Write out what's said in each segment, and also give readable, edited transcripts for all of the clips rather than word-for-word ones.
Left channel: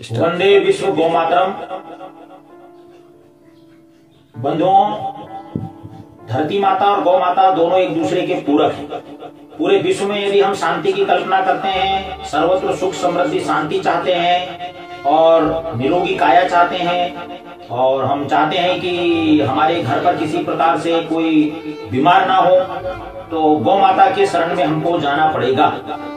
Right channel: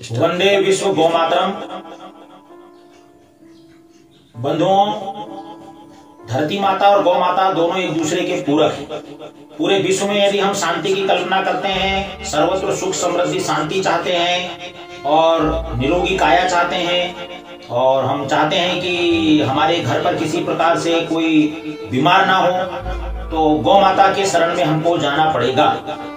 वंदे विश्व गौमातरम। बंधुओं, धरती माता और गौ माता दोनों एक दूसरे के पूरक हैं। पूरे विश्व में यदि हम शांति की कल्पना करते हैं, सर्वत्र सुख समृद्धि शांति चाहते हैं और निरोगी काया चाहते हैं, और हम चाहते हैं कि हमारे घर पर किसी प्रकार से कोई बीमार ना हो, तो गौ माता के शरण में हमको जाना पड़ेगा।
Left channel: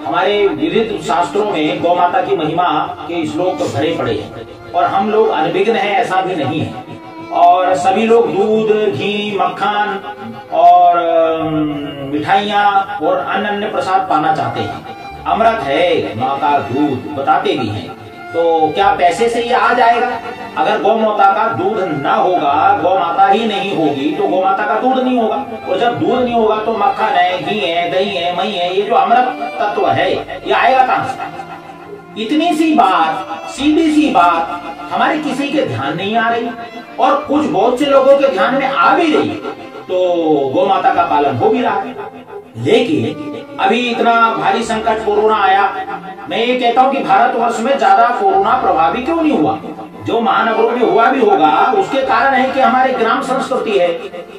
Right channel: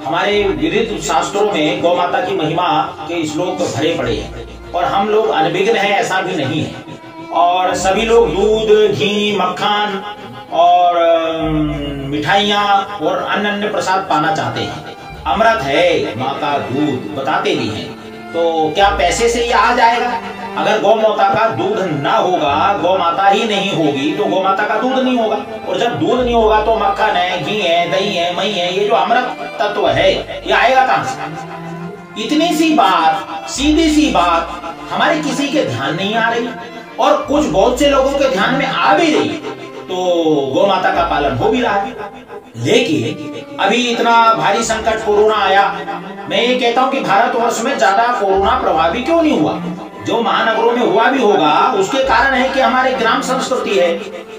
हमारे विविध शास्त्रों में गौ माता की महिमा के श्लोक भरे पड़े हैं और हम लोग अनभिज्ञ हैं ऐसा भी नहीं है। और सभी लोग दूध, घी, मक्खन और मिठाइयाँ और अन्य प्रसाद पाना चाहते हैं। अमृत है माँ का दूध बताते भी हैं, तो क्या पैसे से ये आ जाएगा? अगर गौ माता का दूध ना होगा, गौ माता ही नहीं होगी, तो गौ माता का दूध नहीं होगा, और जब दूध नहीं होगा तो मक्खन है, घी है, दही है, मई है, ये जो अमृत तत्व है ये आएगा कहां से? इतनी सी बात, सीधी सी बात हमारे किसी के ध्यान नहीं आ रही, और कुछ बहुत से लोगों के ध्यान में आ भी रही, तो गौ माता का पालन हो भी रहा है। लेकिन अभी इतना भारी संकट कोरोना आया, मैं ये कहता हूं कि भारतवर्ष में ज्यादा कोरोना प्रभावी क्यों नहीं हुआ? जो महानगरों में हुआ भी होगा उसके कारण है कि हमारे ग्राम संस्कृति है,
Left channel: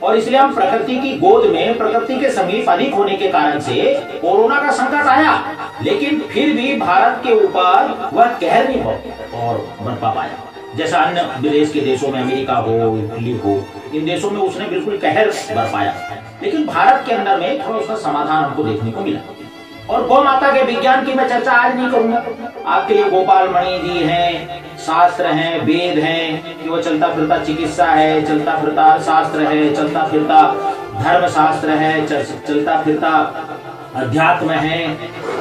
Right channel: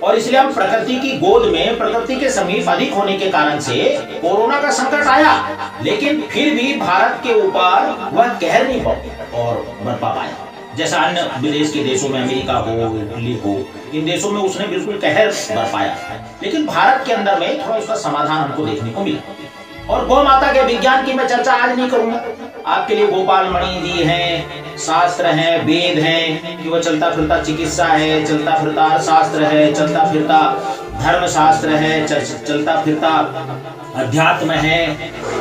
और इसलिए हम प्रकृति की गोद में, प्रकृति के समीप अधिक होने के कारण से कोरोना का संकट आया। लेकिन फिर भी भारत के ऊपर वह कहर नहीं बरपा पाया, जैसा अन्य विदेश के देशों में, अमेरिका हो, इटली हो, इन देशों में उसने बिल्कुल कहर बरपाया। लेकिन भारत के अंदर में थोड़ा उसका समाधान हमको देखने को मिला। और गौ माता के विज्ञान की मैं चर्चा आज नहीं करूंगा। आपके लिए गोपाल मणि जी हैं, शास्त्र हैं, वेद हैं, कि वह चलता फिरता चिकित्सा है, चलता फिरता अर्थशास्त्र है, चलता फिरता धर्म शास्त्र है, चलता फिरता अध्यात्म है,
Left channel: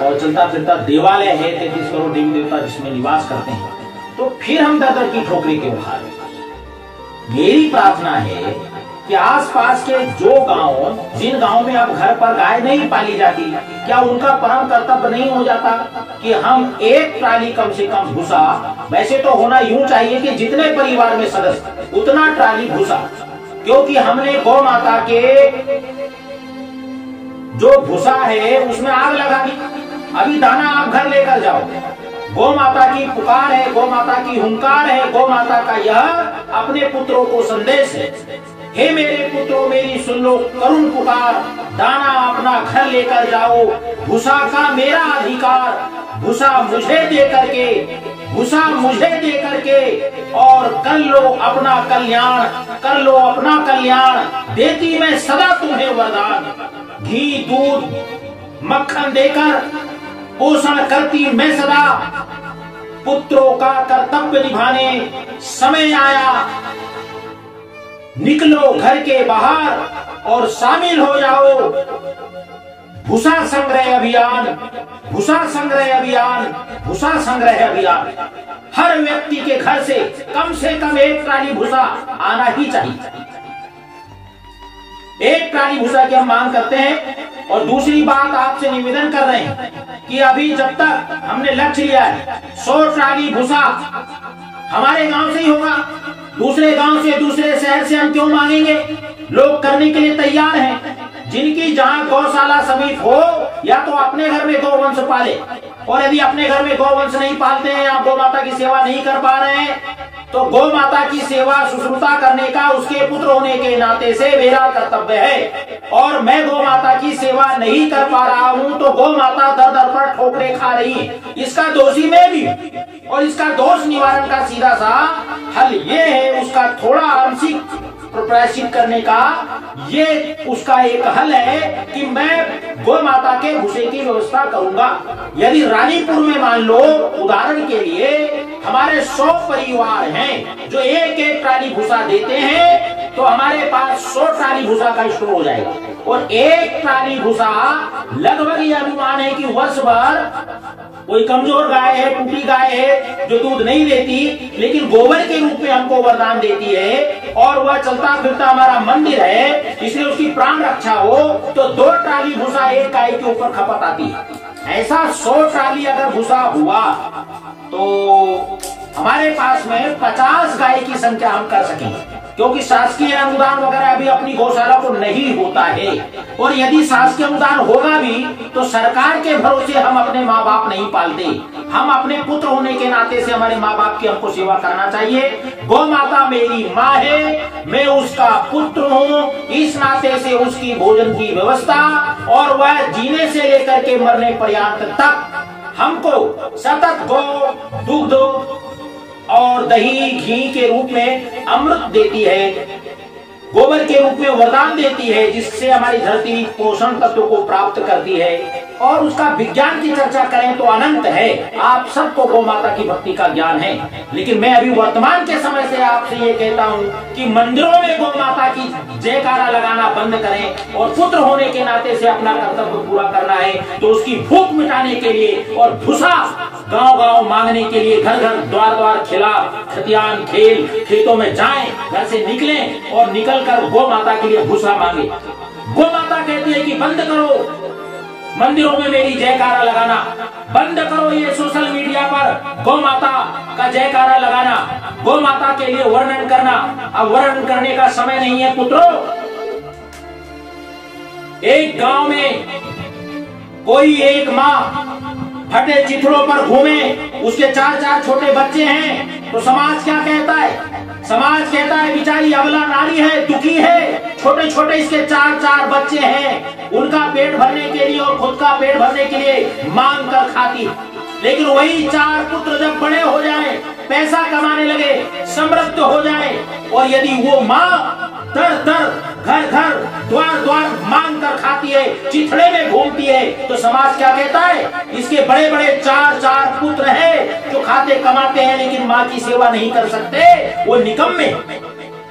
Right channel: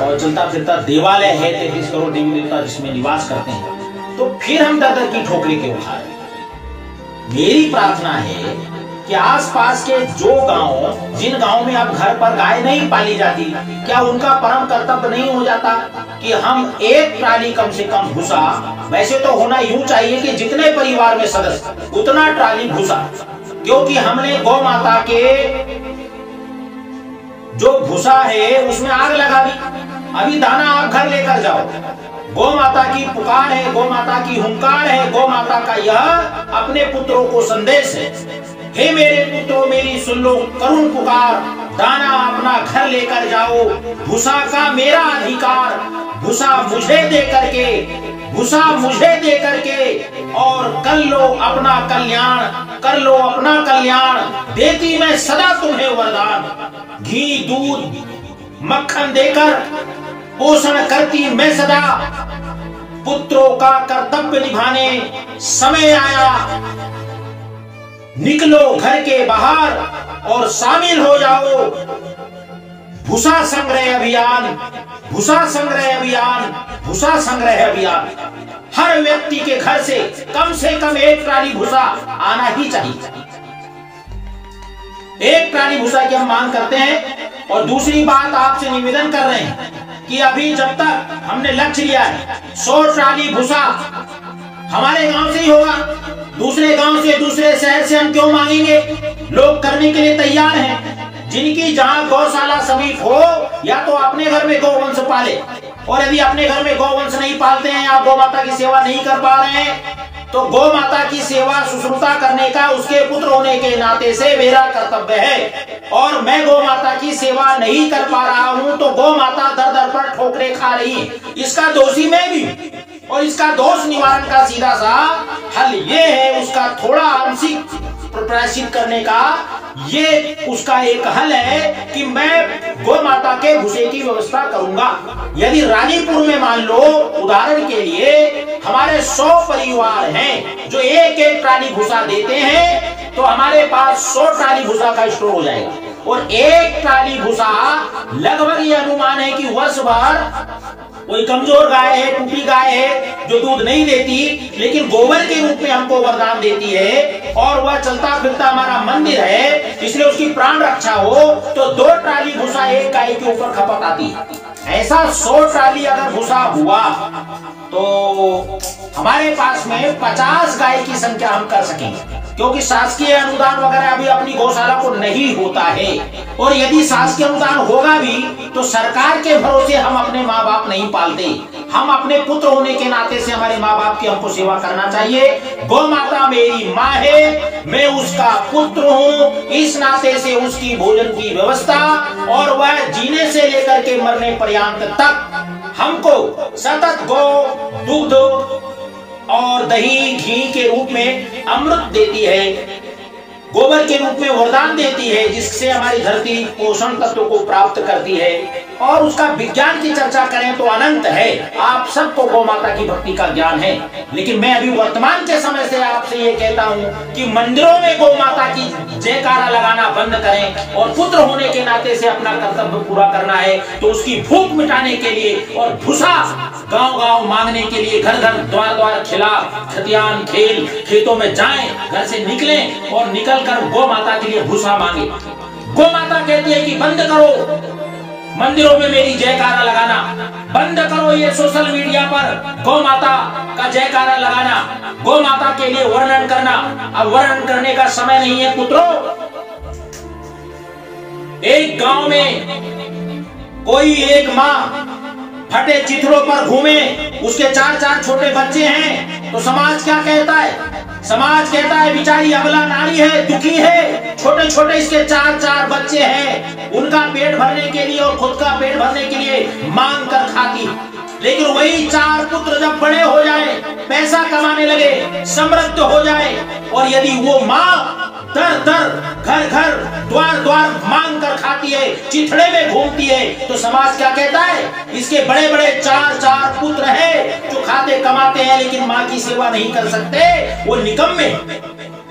और चलता फिरता देवालय है, 33 करोड़ देवी देवता जिसमें निवास करते हैं। तो फिर हम दर की ठोकरें क्यों खा रहे? मेरी प्रार्थना है कि आसपास के जो गांव, जिन गांव में अब घर पर गाय नहीं पाली जाती, क्या उनका परम कर्तव्य नहीं हो जाता कि हम एक ट्राली कम से कम भूसा, वैसे तो होना यूं चाहिए कि जितने परिवार में सदस्य उतना ट्राली भूसा, क्योंकि हमने गौ माता के जो भूसा है उसमें आग लगा दी। अभी दाना आप घर लेकर जाओ, गौ माता की पुकार है, गौ माता की हुंकार है, गौ माता का यह अपने पुत्रों को संदेश है, हे मेरे पुत्रों मेरी सुन लो करुण पुकार, दाना अपना घर लेकर जाओ, भूसा का मेरा अधिकार, भूसा मुझे दे करके, भूसा मुझे दे करके, और कर लो अपना कल्याण, कर लो अपना कल्याण, देती मैं सदा तुम्हें वरदान, घी दूध मक्खन देकर पोषण करती मैं सदा, पुत्रों का कर्तव्य निभाने समय आया, निकलो घर के बाहर और शामिल हो जाओ भूसा संग्रह अभियान, भूसा संग्रह अभियान, भूसा संग्रह अभियान। हर व्यक्ति के घर से कम एक ट्राली भूसा आना ही चाहिए। एक ट्राली भूसा की हम मांग करते हैं। और दूसरी बात आपसे निवेदन कर रहे हैं कि अभी जब तक हमने लक्ष्य लिया है 100 ट्राली भूसा हमारे गांव से ही होगा, दूसरे गांव से, दूसरे शहर से हम क्यों मांगेंगे? लोग करने के लिए तैयार हैं। जिनकी जहां गौशाला समीप हो, या तो अपने घर में गौवंश पाले, और यदि अपने घर में गौवंश नहीं पालते हैं, आप गौ माता की सेवा नहीं कर पा रहे हैं, तो गौ माता की सेवा शुश्रूषा करने का उसके पुत्र होने के नाते से मेरा कर्तव्य है। और मैं गौ माता की सेवा नहीं कर पा रहा हूं तो गौ माता दर दर पर ठोकरें खा रही है, इसका दोषी मैं भी। और इसका दोष निवारण का सीधा सा हल ये है, उसका थोड़ा आंशिक प्रायश्चित करने का ये उसका एक हल है कि मैं गौ माता के भूसे की व्यवस्था करूंगा। यदि रानीपुर में मान लो उदाहरण के लिए हमारे 100 परिवार हैं जो एक ट्राली भूसा देते हैं, तो हमारे पास 100 ट्राली भूसा का स्टोर हो जाएगा। और एक ट्राली भूसा लगभग ये अनुमान है कि वर्ष भर कोई कमजोर गाय है, टूटी गाय है जो दूध नहीं देती, लेकिन गोबर के रूप में हमको वरदान देती है, और वह चलता फिरता हमारा मंदिर है, इसलिए उसकी प्राण रक्षा हो, तो 2 ट्राली भूसा एक गाय के ऊपर खपत आती है। ऐसा 100 ट्राली अगर भूसा हुआ तो हमारे पास में 50 गाय की संख्या हम कर सकेंगे, क्योंकि शासकीय अनुदान वगैरह अभी अपनी गौशाला को नहीं होता है। और यदि शासकीय अनुदान होगा भी तो सरकार के भरोसे हम अपने माँ बाप नहीं पालते। हम अपने पुत्र होने के नाते से हमारे माँ बाप की हमको सेवा करना चाहिए। गौ माता मेरी माँ है, मैं उसका पुत्र हूँ, इस नाते से उसकी भोजन की व्यवस्था और वह जीने से लेकर के मरने पर्यंत तक हमको सतत गौ दूध और दही घी के रूप में अमृत देती है, गोबर के रूप में वरदान देती है, जिससे हमारी धरती पोषण तत्व को प्राप्त करती है। और उसका विज्ञान की चर्चा करें तो अनंत है। आप सबको गौ माता की भक्ति का ज्ञान है, लेकिन मैं अभी वर्तमान के समय से आपसे ये कहता हूँ कि मंदिरों में गौ माता की जयकारा लगाना बंद करें और पुत्र होने के नाते से अपना कर्तव्य पूरा करना है तो उसकी भूख मिटाने के लिए और भूसा गांव-गांव मांगने के लिए, घर घर द्वार द्वार खिला खतियान खेल खेतों में जाएं, घर से निकलें और निकल कर गौ माता के लिए भूसा मांगे। गौ माता कहती है कि बंद करो मंदिरों में मेरी जयकारा लगाना, बंद करो ये सोशल मीडिया पर गौ माता का जयकारा लगाना, गौ माता के लिए वर्णन करना। अब वर्णन करने का समय नहीं है पुत्रों। एक गांव में कोई एक माँ फटे चिथड़ों पर घूमे, उसके 4-4 छोटे बच्चे हैं, तो समाज क्या कहता है? समाज कहता है बेचारी अबला नारी है, दुखी है, छोटे छोटे इसके 4-4 बच्चे हैं, उनका पेट भरने के लिए और खुद का पेट भरने के लिए मांग कर खाती। लेकिन वही 4 पुत्र जब बड़े हो जाए, पैसा कमाने लगे, समृद्ध हो जाए, और यदि वो माँ दर दर घर घर द्वार द्वार मांग कर खाती है, चिथड़े में घूमती है, तो समाज क्या कहता है? इसके बड़े बड़े 4-4 पुत्र हैं जो खाते कमाते हैं लेकिन माँ की सेवा नहीं कर सकते, वो निकम्मे।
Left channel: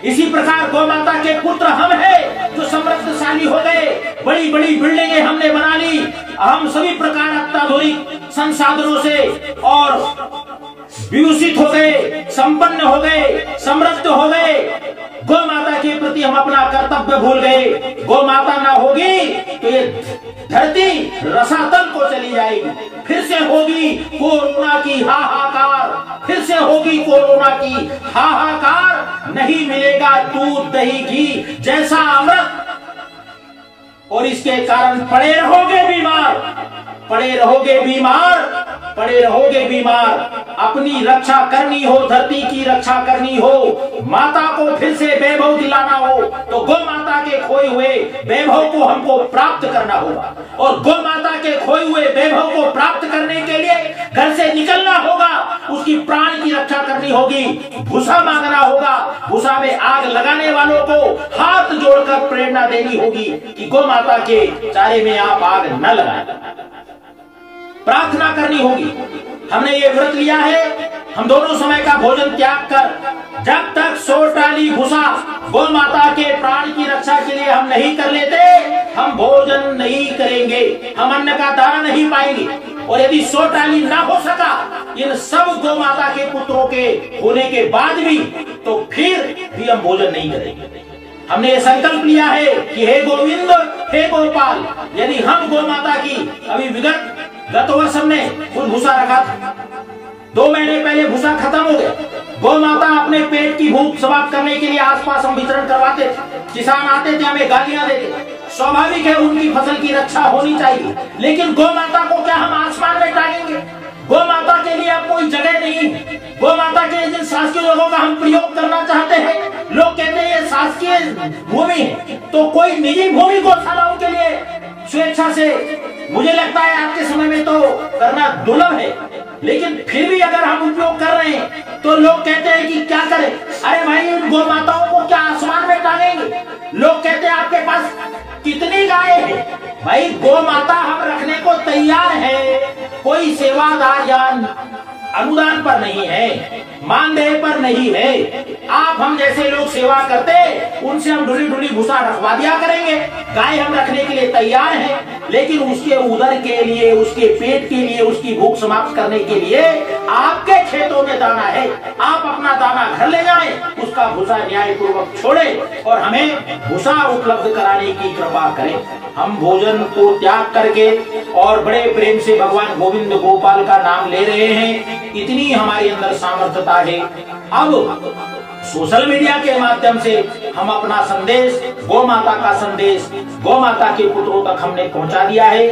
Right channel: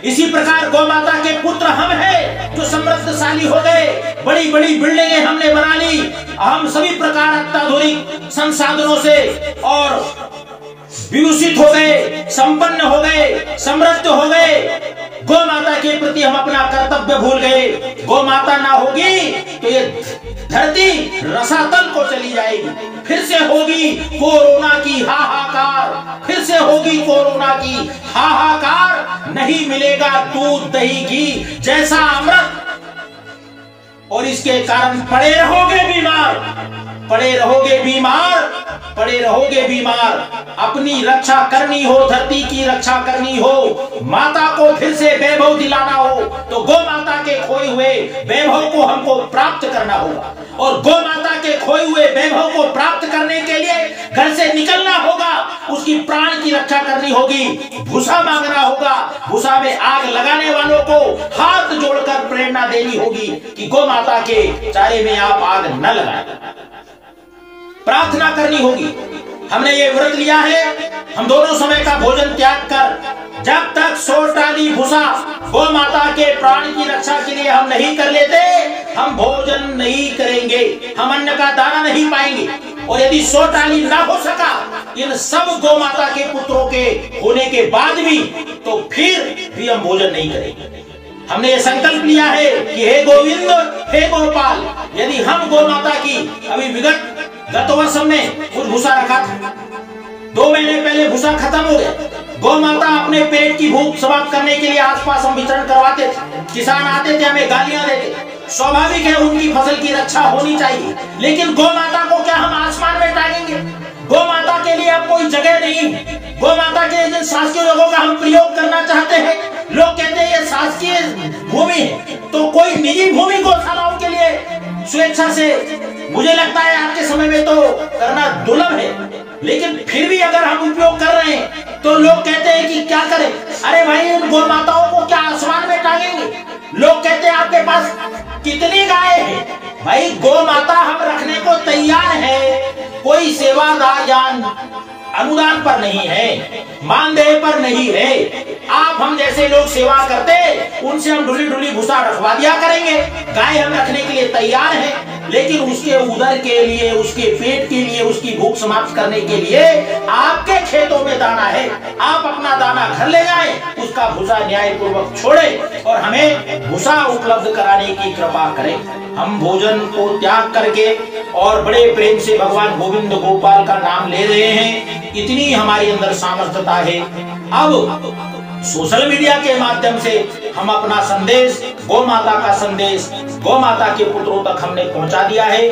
इसी प्रकार गौ माता के पुत्र हम हैं जो समृद्धशाली हो गए, बड़ी बड़ी बिल्डिंगें हमने बना ली, हम सभी प्रकार अत्याधुनिक संसाधनों से और विभूषित हो गए, संपन्न हो गए, समृद्ध हो गए। गौ माता के प्रति हम अपना कर्तव्य भूल गए। गौ माता ना होगी तो ये धरती रसातल को चली जाएगी, फिर से होगी कोरोना की हाहाकार, फिर से होगी कोरोना की हाहाकार। नहीं मिलेगा दूध दही घी जैसा अमृत, और इसके कारण पड़े रहोगे बीमार, पड़े रहोगे बीमार, पड़े रहोगे बीमार। अपनी रक्षा करनी हो, धरती की रक्षा करनी हो, माता को फिर से वैभव दिलाना हो, तो गौ माता के खोए हुए वैभव को हमको प्राप्त करना होगा। और गौ माता के खोए हुए वैभव को प्राप्त करने के लिए घर से निकलना होगा, उसकी प्राण की रक्षा करनी होगी, भूसा मांगना होगा, भूसा में आग लगाने वालों को हाथ जोड़कर प्रेरणा देनी होगी कि गौ माता के चारे में आप आग न लगाएं। प्रार्थना करनी होगी। हमने ये व्रत लिया है, हम दोनों समय का भोजन त्याग कर जब तक 100 टाली भूसा गौ माता के प्राण की रक्षा के लिए हम नहीं कर लेते, हम भोजन नहीं करेंगे, हम अन्न का दाना नहीं पाएंगे। और यदि 100 टाली ना हो सका इन सब गौ माता के पुत्रों के होने के बाद भी, तो फिर भी हम भोजन नहीं करेंगे। हमने ये संकल्प लिया है कि हे गोविंद, हे गोपाल, यदि हम गौ माता की अभी गत वर्ष हमने कुछ भूसा रखा था, 2 महीने पहले भूसा खत्म हो गया। गौ माता अपने पेट की भूख समाप्त करने के लिए आसपास हम विचरण करवाते थे, किसान आते थे, हमें गालियां देते। स्वाभाविक है उनकी फसल की रक्षा होनी चाहिए, लेकिन गौ माता को क्या हम आसमान में टांगेंगे? गौ माता के लिए अब कोई जगह नहीं। गौ माता के जिन शासकीय जगहों का हम प्रयोग करना चाहते हैं, लोग कहते हैं ये शासकीय भूमि है, तो कोई निजी भूमि गौशालाओं के लिए स्वेच्छा से, मुझे लगता है आज के समय में तो करना दुर्लभ है, लेकिन फिर भी अगर हम उपयोग कर रहे हैं तो लोग कहते हैं कि क्या करें। अरे भाई, उन गौ माताओं को क्या आसमान में टांगेंगे? लोग कहते हैं आपके पास कितनी गाय है? भाई, गौ माता हम रखने को तैयार है, कोई सेवादार या अनुदान पर नहीं है, मानदेय पर नहीं है। आप हम जैसे लोग सेवा करते, उनसे हम ढुली ढुली भूसा रखवा दिया करेंगे। गाय हम रखने के लिए तैयार हैं, लेकिन उसके उदर के लिए, उसके पेट के लिए, उसकी भूख समाप्त करने के लिए आपके खेतों में दाना है, आप अपना दाना घर ले जाएं, उसका भूसा न्यायपूर्वक छोड़ें और हमें भूसा उपलब्ध कराने की कृपा करें। हम भोजन को त्याग करके और बड़े प्रेम से भगवान गोविंद गोपाल का नाम ले रहे हैं, इतनी हमारे अंदर सामर्थ्यता है। अब सोशल मीडिया के माध्यम से हम अपना संदेश, गौ माता का संदेश गौ माता के पुत्रों तक हमने पहुंचा दिया है।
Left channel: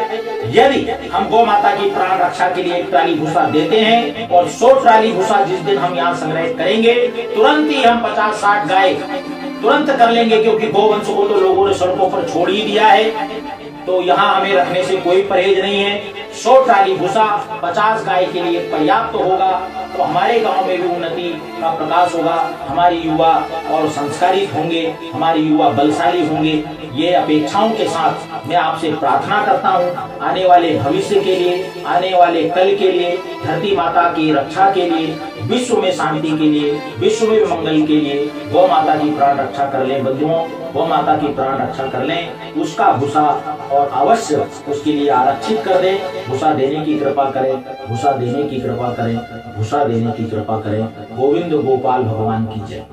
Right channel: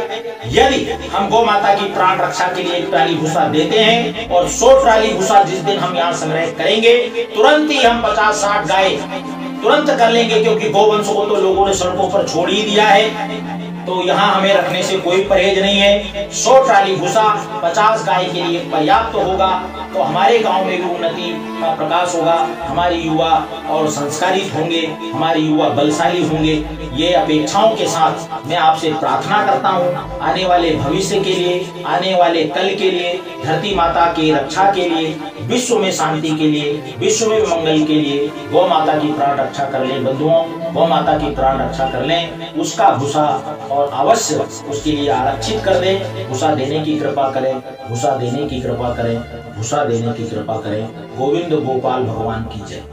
यदि हम गौ माता की प्राण रक्षा के लिए एक ट्राली भूसा देते हैं और 100 ट्राली भूसा जिस दिन हम यहाँ संग्रह करेंगे, तुरंत ही हम 50-60 गाय तुरंत कर लेंगे, क्योंकि गौवंश को तो लोगों ने सड़कों पर छोड़ ही दिया है। तो यहाँ हमें रखने से कोई परहेज नहीं है। 100 ट्राली भूसा 50 गाय के लिए पर्याप्त होगा, तो हमारे गांव में भी उन्नति का प्रकाश होगा। हमारे युवा और संस्कारित होंगे, हमारे युवा बलशाली होंगे। ये अपेक्षाओं के साथ मैं आपसे प्रार्थना करता हूँ, आने वाले भविष्य के लिए, आने वाले कल के लिए, धरती माता की रक्षा के लिए, विश्व में शांति के लिए, विश्व में मंगल के लिए गौ माता की प्राण रक्षा कर लें बंधुओं, गौ माता की प्राण रक्षा कर लें। उसका भूसा और अवश्य उसके लिए आरक्षित कर दें। भूसा देने की कृपा करें, भूसा देने की कृपा करें, भूसा देने की कृपा करें। गोविंद गोपाल भगवान की जय।